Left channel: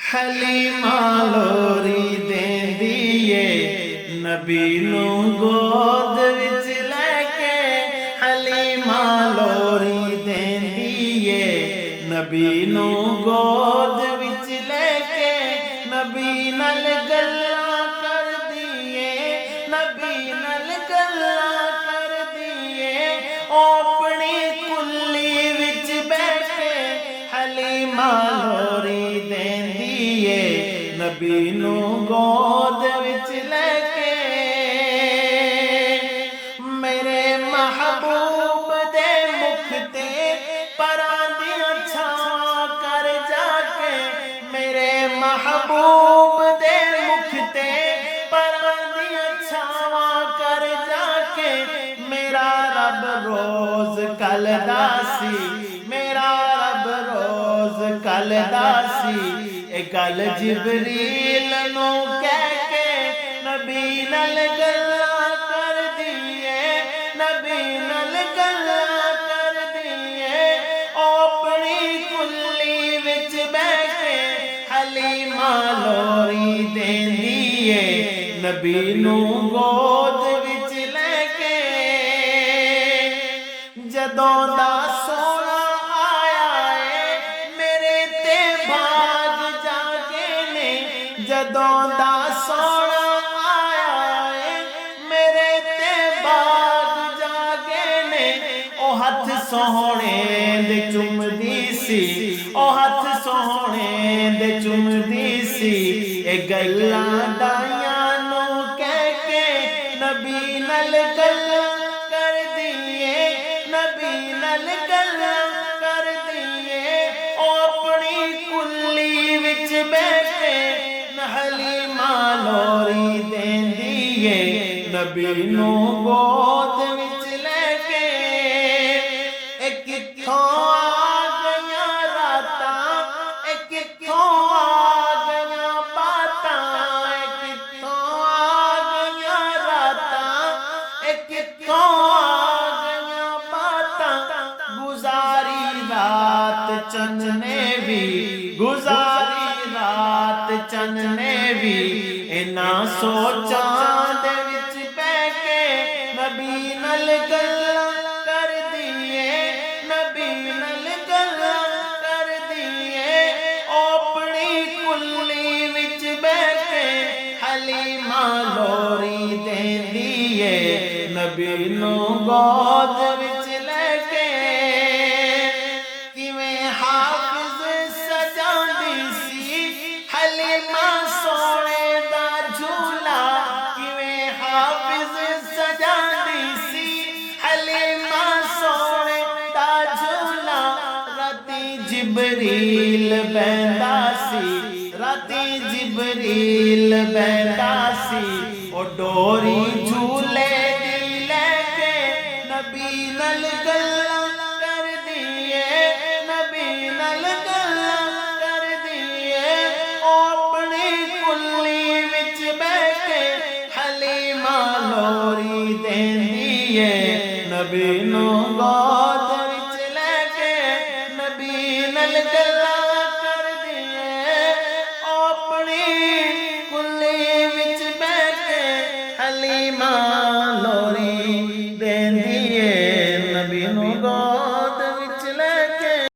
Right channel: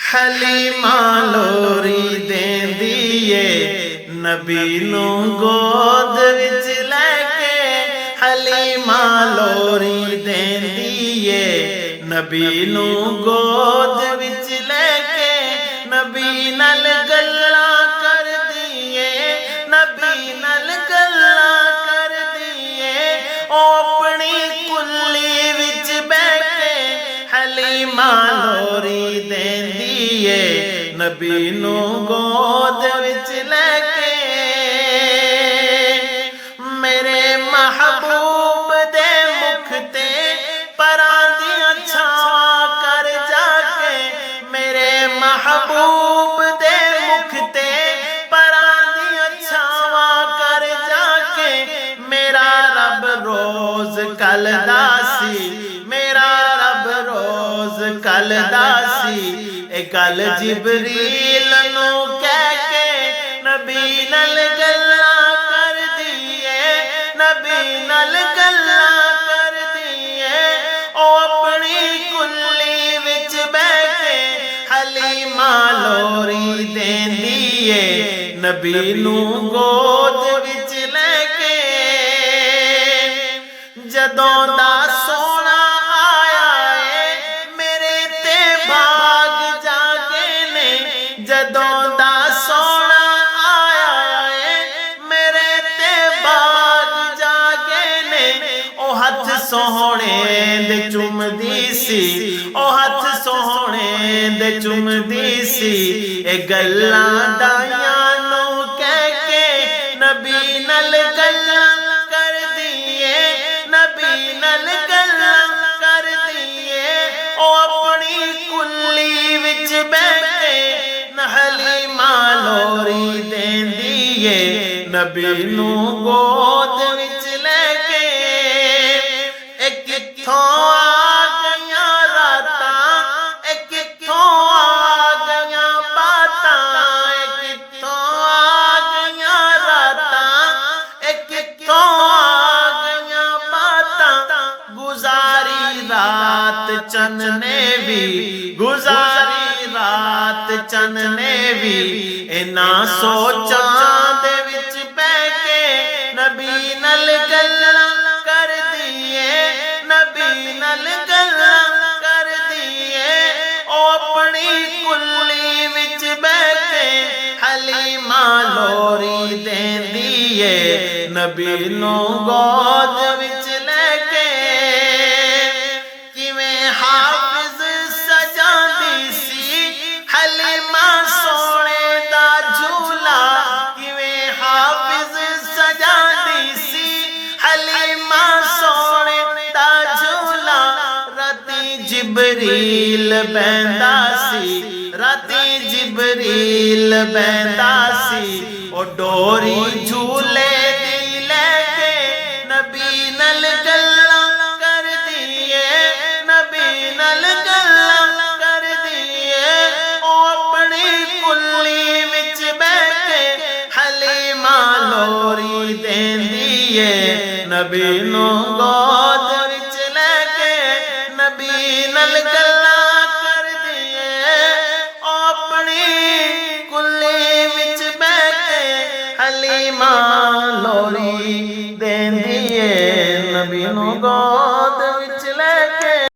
हलीमा लोरी देंदी ए नबी नू गोद विच लैके। हलीमा लोरी देंदी ए नबी नू गोद विच लैके। नबी नल गल्लां करदी ए, नबी नल गल्लां करदी ए। ओ अपनी कुल्ली विच बैठे हलीमा लोरी देंदी ए नबी नू गोद विच लैके। मेरे महबूब दे मुख ते परां दियां छावां कर जाके। मेरे महबूब दे मुख ते परां दियां छावां कर जाके। मेरा रब रोज कल दासी, मेरा रब रोज कल दासी। ए गल जिबरील नू कह के नबी नल गल्लां कर दिए, नबी नल गल्लां कर दिए। ओ अपनी कुल्ली विच बैठे हलीमा लोरी देंदी ए नबी नू गोद विच लैके। जदों दा सोना आया ए मेरे ते भाग जागे ने। जदों दा सोना आया ए मेरे ते भाग जागे ने। ओ हथ सोहणे दे चुमदी सी, ओ हथ सोहणे दे चुमदी सी। ए गल्लां दाइयां नू कह के नबी नल गल्लां कर दिए, नबी नल गल्लां कर दिए। ओ अपनी कुल्ली विच बैठे हलीमा लोरी देंदी ए नबी नू गोद विच लैके। ए कित्थों आ गईयां रातां, ए कित्थों आ गईयां बातां। ए कित्थों आ गईयां रातां, ए कित्थों आ गईयां बातां। गुजारी रात चन ने भी, गुजारी रात चन ने भी। इन्हां सोचां दे विच बैठ के नबी नल गल्लां कर दिए, नबी नल गल्लां कर दिए। ओ अपनी कुल्ली विच बैठे हलीमा लोरी देंदी ए नबी नू गोद विच लैके। किवें हाफिज सजांदी सी हलीमा सोने दा झूला। किवें हाफिज सजांदी सी हलीमा सोने दा झूला। राती जिबरील बैंदा सी, राती जिबरील बैंदा सी। ओ डोरी झूले दी लैके नबी नल गल्लां कर दिए, नबी नल गल्लां कर दिए। ओ अपनी कुल्ली विच बैठे हलीमा लोरी देंदी ए नबी नू गोद विच लैके। नबी नल